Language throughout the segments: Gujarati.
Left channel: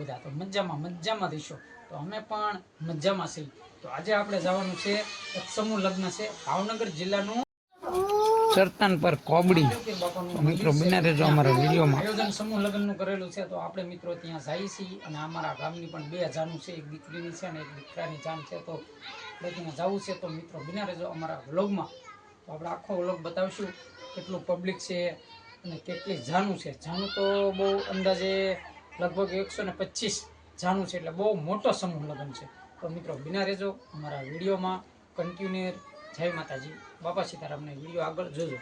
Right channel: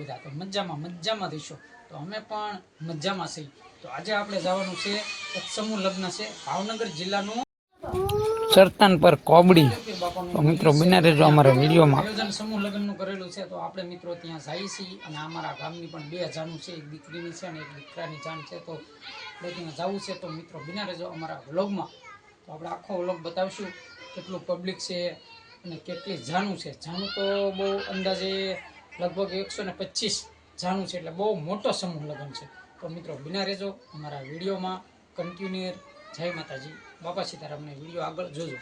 બધા તો મજામાં રહીશો તો અમે પણ મજામાં છીએ। તો આજે આપણે જવાનું છે એક સમૂહ લગ્ન છે ભાવનગર જિલ્લાનું ચરતન પર કોબડી। તો મિત્રો બિના રહેજો અમારા વિડીયોમાં। આયોજન સમૂહ લગ્નનું કરેલું છે તો આપણે મિત્રો ત્યાં જઈએ છીએ અને અમારા ગામની પણ 2 જાનું છે, એક દીકરીની છે અને એક દીકરાની જાન છે, તો આપણે ત્યાં જવું છે। તો મિત્રો બિના રહેજો અમારા વ્લોગમાં। તો આપણે આખો વ્લોગ બતાવશું કેટલું પબ્લિક છે અને કેટલી જાનું છે। જાનું તો બહુ અંદાજે લગભગ 125 જાનું છે, એટલે બહુ મોટો સમૂહ લગ્ન છે। તો મિત્રો બિના રહેજો અમારા વિડીયોમાં કન્ટિન્યુ। જય માતાજી, બાપા સીતારામને વિડીયો આગળ જોજો।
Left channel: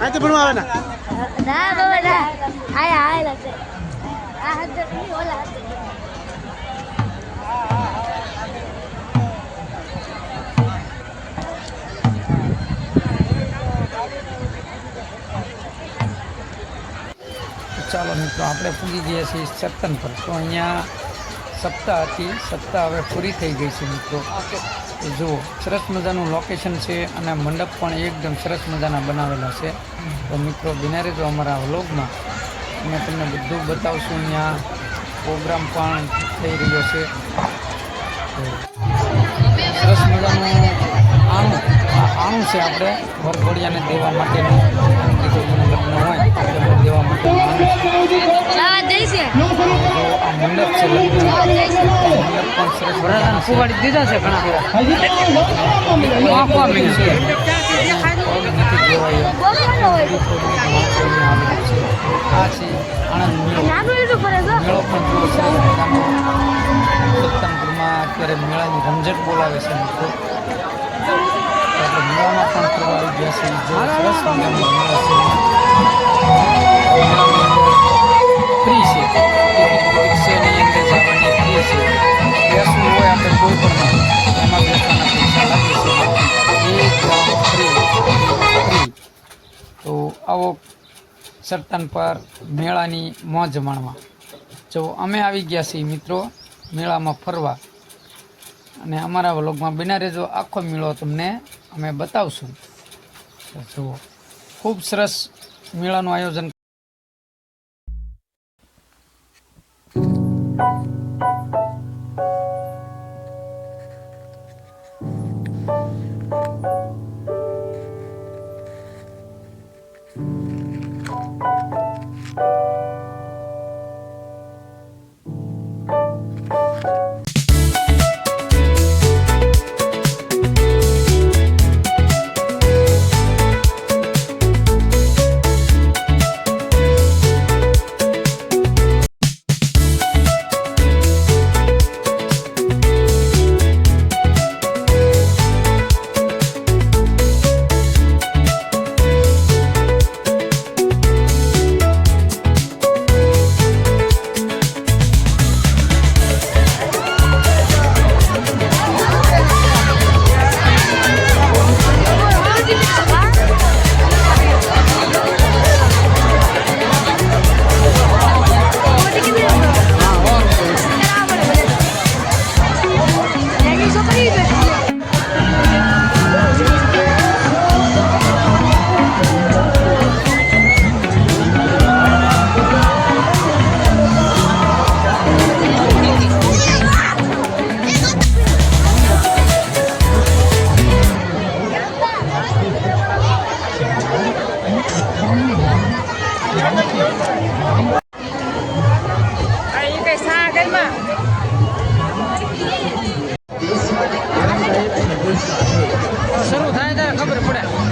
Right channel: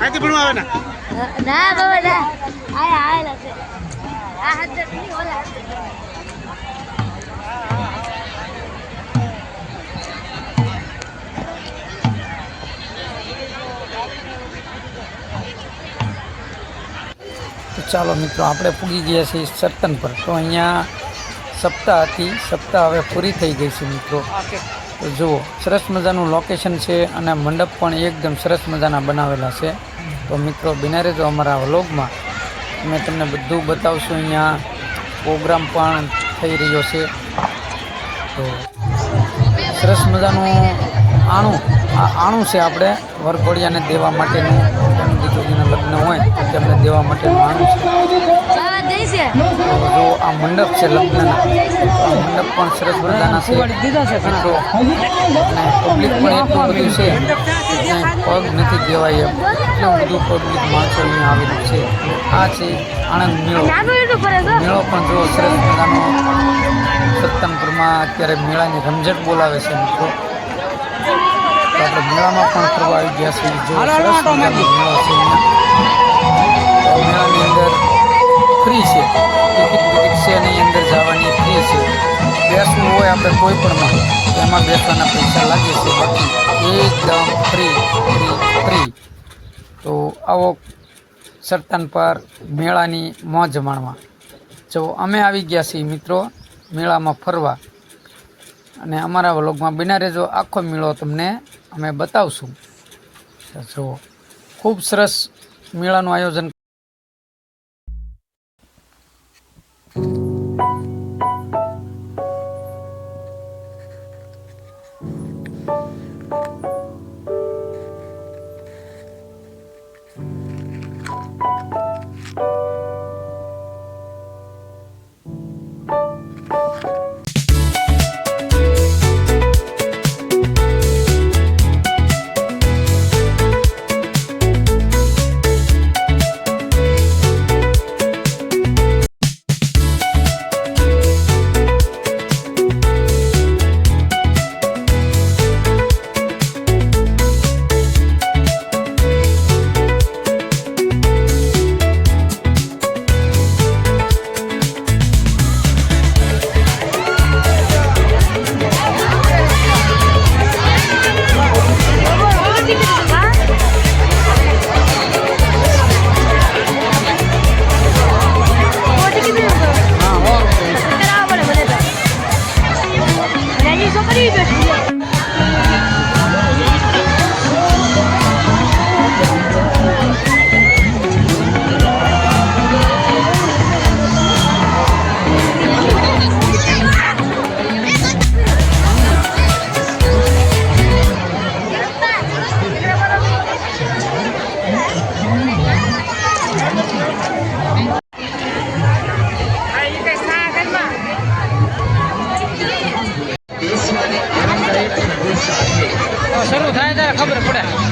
આથી ભણવા આવે ના બાબા ના આયા લખે આ હાથ ની ઓલા હાથ ચાલો મિત્રો આપણે પૂગી ગયા છીએ ચરતન પર। તો અહીંયા સપ્તાહ હતી, સપ્તાહ હવે પૂરી થઈ ગઈ છે મિત્રો। તો જુઓ સરસ મજાનું લોકેશન છે અને મંડપ પણ એકદમ સરસ મજાના બનાવેલા છે। તો મિત્રો બિના રહેજો અમારા વ્લોગમાં, અમે તમને બધું બતાવશું। અહીંયા પ્રોગ્રામ પણ થઈ રહ્યો છે। તો સરસ મજાનું આણું છે આપણે વરઘોડિયાને દેવા માટેનું, એમ દીકરીના લગ્ન હોય તો તેમને દેવા માટેનું આણું છે। જો આ મંડપ છે લગ્નના, આ મંડપ પણ સરસ મજાના છે દીધા છે ઘણા પબ્લિક પણ એટલું બધું છે પગ નથી દેવાય એમ, એટલું બધું પબ્લિક માણસો અહીંયા આવેલું છે। આ છે આણંદ મેળો પણ જો સરસ મજાનો સત્તનપુરમાં અત્યારે મેળાની રમઝટ બોલાવે છે મિત્રો। તો આપણે મેળામાં પણ ફરવા આવી ગયા છે। જો સરસ મજાનો મેળો છે અહીંયા, મેળાની અંદર ફ્રી છે, ટિકિટ છે એની અંદર જવાની ફ્રી છે। બેસવું હોય આપણે કોઈ પણમાં એમાં બેસવાના પૈસા લાગે છે, બાકી એકદમ ફ્રી। તો આવો ચરતન પર મેળાની મોજ માણવા। જો અમે આવી ગયા છીએ મિત્રો મેળામાં ફરવા અને અમારા વ્લોગમાં બિના રહેજો, આખો મેળો તમને અમે બતાવશું। જુઓ ખૂબ સરસ મેળાનું આયોજન। ખબર પડે